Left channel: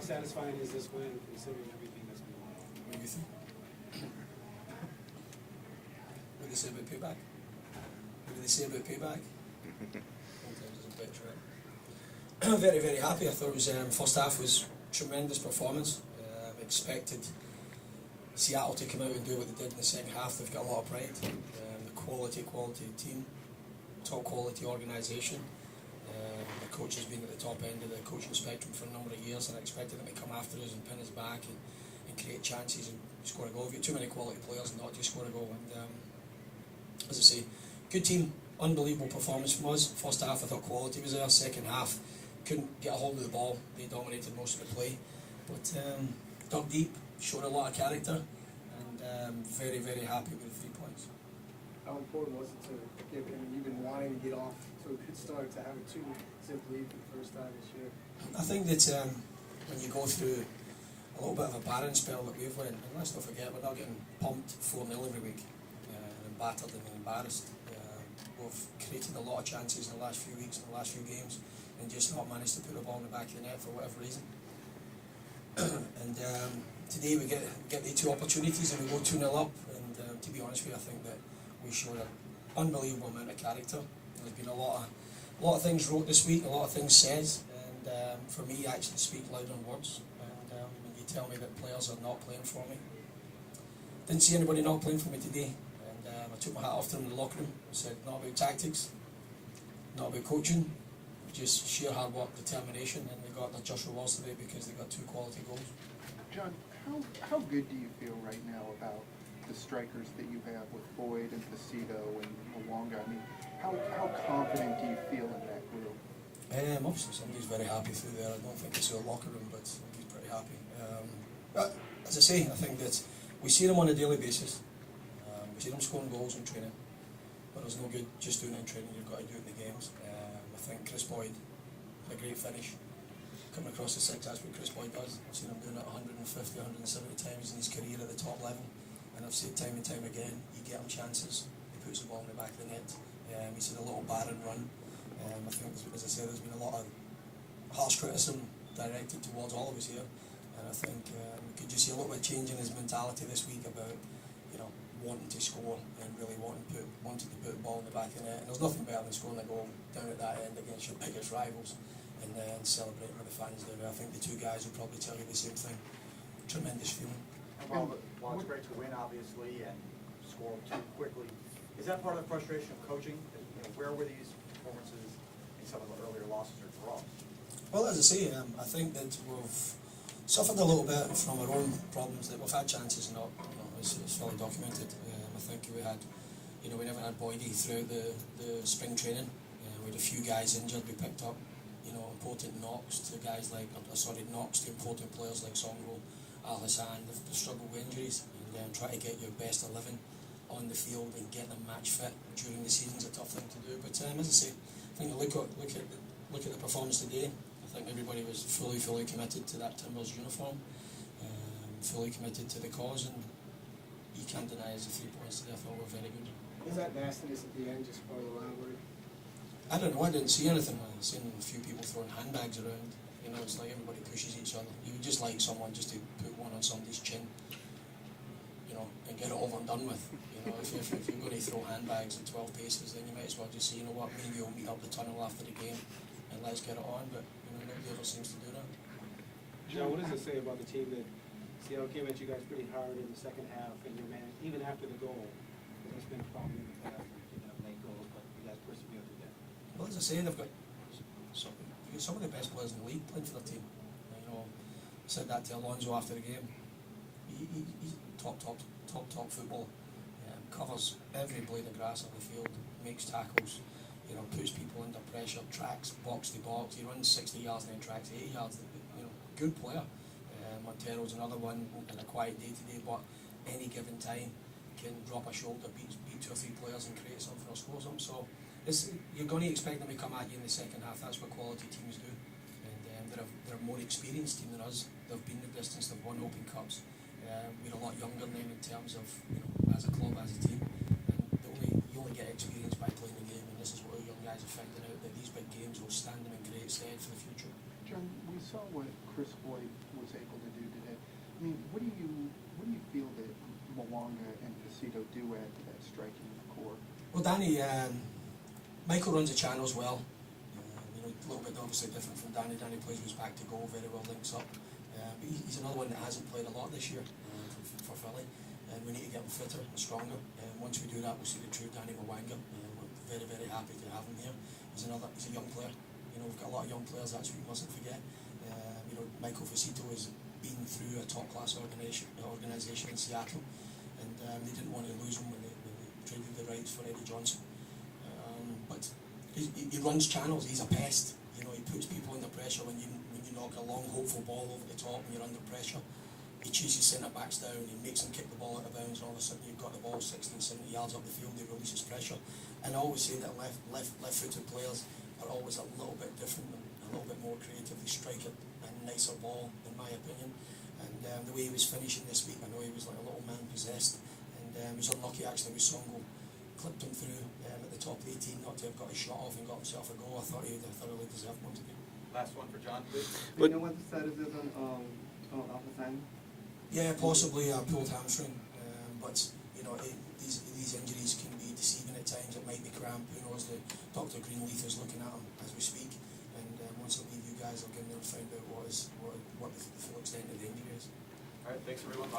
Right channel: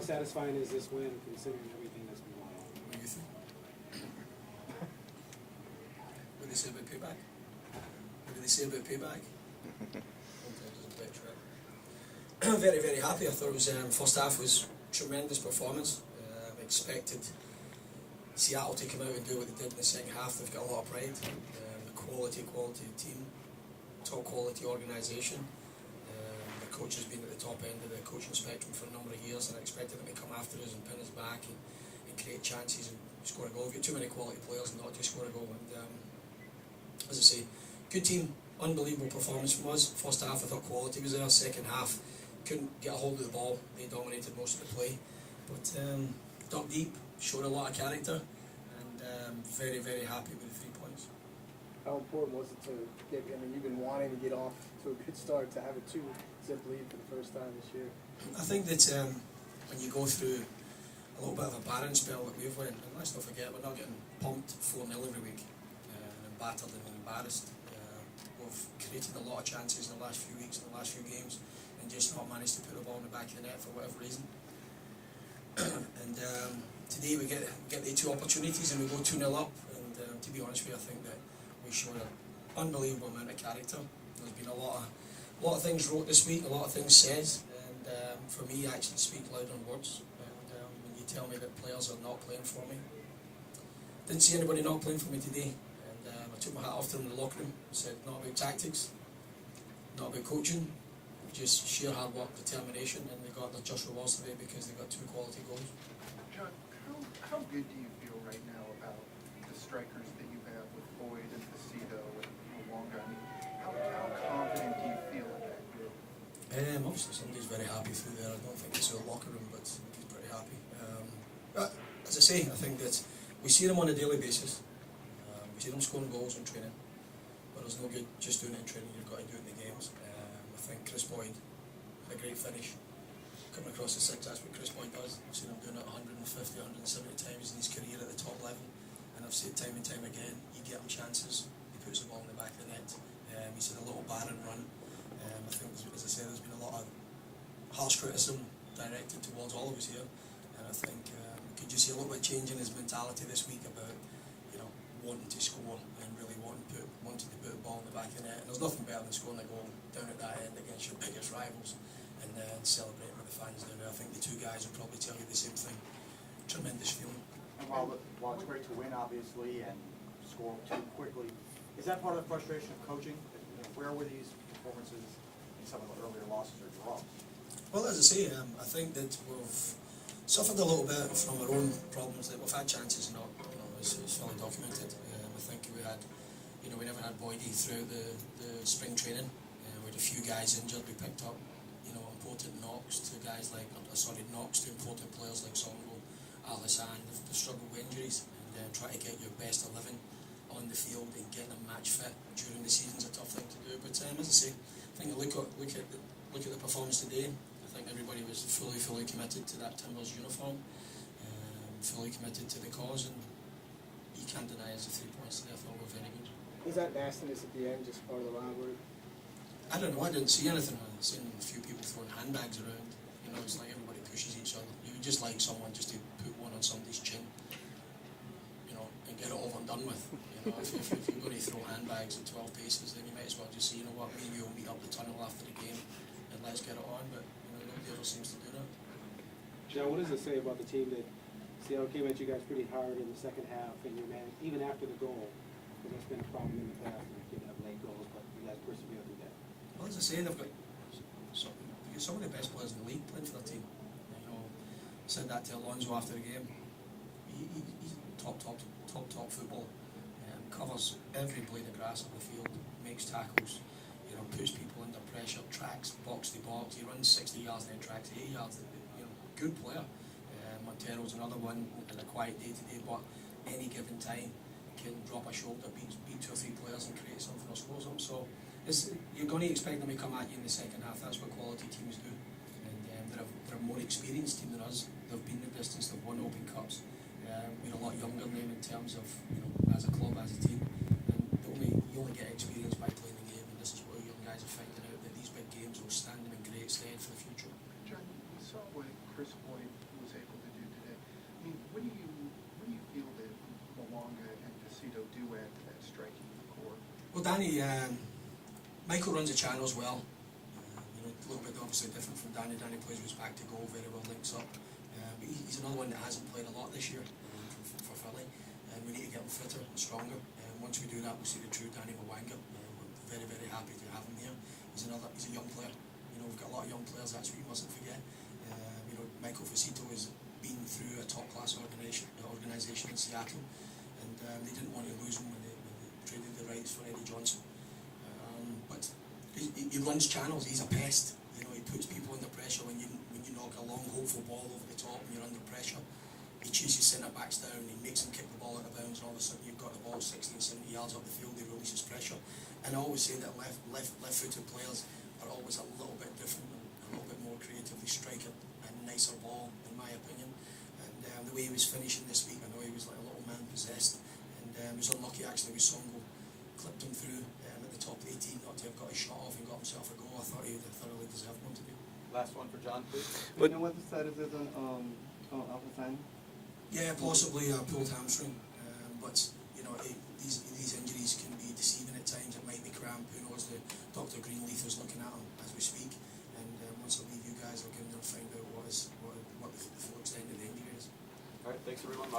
How satisfying is this win considering everything that's been going on? What do you think? What do they say about payback? What do they say about payback? Very, very happy. I thought it was first half was tremendous performance. Expected Seattle to come out and do what they did in the second half. They've got a lot of pride. The quality team, top quality organisation. The coach has been at the top end of the coaching spectrum for a number of years, and I expected them to come after us and pin us back and create chances and score a goal. We've got too many quality players not to score a goal. And as I say, good team, unbelievable performance from us. First half I thought quality was there. Second half couldn't get a hold of the ball. They dominated most of the play, but dug deep, showed a lot of character, and very, very happy with the 3 points. How important was it to get? I mean, you've been wanting to get off to a good start, to have a 2-zip lead for the first time this year. I think that when you go through a little bit of a barren spell that we've went, and let's not forget we're not getting pumped 4-0 every week and battered and embarrassed. We've created a lot of chances in the last few weeks, in the last few games, and just not managed to put the ball in the back of the net for whatever reason. And today we get the 2 opportunities and we go 2-0 up, and to be honest with you, I think that we showed an unbelievable amount of character. There's been a lot of things wrote this week, a lot of things said, and for me actually speak louder than words. And when you tell me that players are not playing for me, didn't see anybody not playing for me today, and I took my hat off to them in the locker room. Said not about tactics, not about coaching, just sheer hard work, determination, and they got their just rewards today because they got 2 quality goals. John, how good do you feel right now about the strikers that you have with Boyd and Placido and Luongo? I mean, how confident do you feel in that group? Obviously somebody's very happy through there. I don't think it's a locker room, but he's pretty happy. But as I say, I think that we see them on a daily basis. We see them scoring goals in training, but there's no good just doing it in training. You've got to do it in the games. I think Chris Boyd had a great finish. Coming across the 6, that's what Chris Boyd does. I've seen him doing it 150, 170 times in his career at the top level, and I've seen it time and time again. You get him chances, he puts the ball in the back of the net. He's had a little barren run. I think, as I said, there's been a lot of harsh criticism directed towards all of us here, and I think we could just see a little bit of change in his mentality this week about wanting to score and really wanting to put the ball in the back of the net. And there's nothing better than scoring a goal down at that end against your biggest rivals and celebrating with the fans down there. I think the 2 guys will probably tell you the same thing. Tremendous feeling. And while it's great to win, obviously, and score 2 quickly, is that part of the frustration of coaching? Where were these performances in some of the earlier losses or draws? Well, as I say, I think that we've suffered a little bit from our own problems. That we've had chances, it's fully documented. I think we had, we never had Boydie throughout the spring training. We had a few guys injured. We picked up, important knocks to guys like, knocks to important players like Songo, Alisson. They've struggled with injuries, and try to get your best 11 on the field and get them match fit during the season is a tough thing to do. But as I say, I think look at the performance today. I think everybody was fully committed to that Timbers uniform, fully committed to the cause, and you can't deny us the 3 points. Therefore, we're very good. Was that nastiness at the end just part of the rivalry? I don't know. I didn't see anything. I've seen a few people throwing handbags around. It's like everybody pushes each other. You would just like someone just to put one on somebody's chin, and get it over and done with. If you're going to throw handbags at 12 paces, then you might as well just say, you know what, maybe we'll meet up the tunnel after the game and let's get it on. But nobody ever seems to do that. John, what does it say about the team that Seattle came at you guys pretty hard in the second half, and your man, even after the goal, that's been a problem in the past, you have late goals, but you guys persevered through that. Well, as I say, they've got some of the best players in the league playing for their team. Said that to Alonso after the game. He's top football. Covers every blade of grass on the field, makes tackles, puts people under pressure, tracks box to box. He runs 60 yards then tracks 80 yards. Good player. Montero's another one in a quiet day today, but any given time can drop a shoulder, beat 2 or 3 players and create something or score something. So you're going to expect them to come at you in the second half. That's what quality teams do. And they're a more experienced team than us. They've been the distance, they've won Open Cups. We're a lot younger than them in terms of, as a club, as a team. And you only get experience by playing the game, and this is what our young guys are finding out, that these big games will stand them in great stead for the future. John, we saw what Chris Boyd feel that Mwanga and Placido do add to that striking core? Well, Danny, Michael runs the channel as well. You know, a little bit obviously different from Danny. Danny plays with his back to goal, very well links up. But he's another one that hasn't played a lot this year for Philly. We need to get him fitter and stronger. Once we do that, we'll see the true Danny Mwanga. We're very, very happy to have him here. He's a young player. You know, we've got a lot of young players, that's what we mustn't forget. You know, Michael Placido has been through a top-class organisation in Seattle, and they didn't want to lose him when they traded the rights for Eddie Johnson. But he runs channels. He's a pest. You know, he puts people under pressure when you knock a long, hopeful ball over the top and you're under pressure. He chases centre backs down. He makes them kick the ball out of bounds, and all of a sudden you've got the ball 60, 70 yards up the field. He releases pressure. And I always say that left-footed players are always a little bit different, and a little bit more creatively strike a nicer ball, in my opinion. And the way he was finishing this week, I know he was like a little man possessed, and he was unlucky actually with Songo clipped him through at the top 18, not to have got his shot off and got himself a goal. I thought he thoroughly deserved one today. Last one for John, please. Do you know what the status is on Alphasani? Yeah, possibly a pulled hamstring, but you know these injuries can be deceiving at times. It might be cramp. Who knows? Dr. Greenleaf is looking at him as we speak, and once I leave, you guys will get in and find out what the full extent of the injury is. All right, thanks everyone.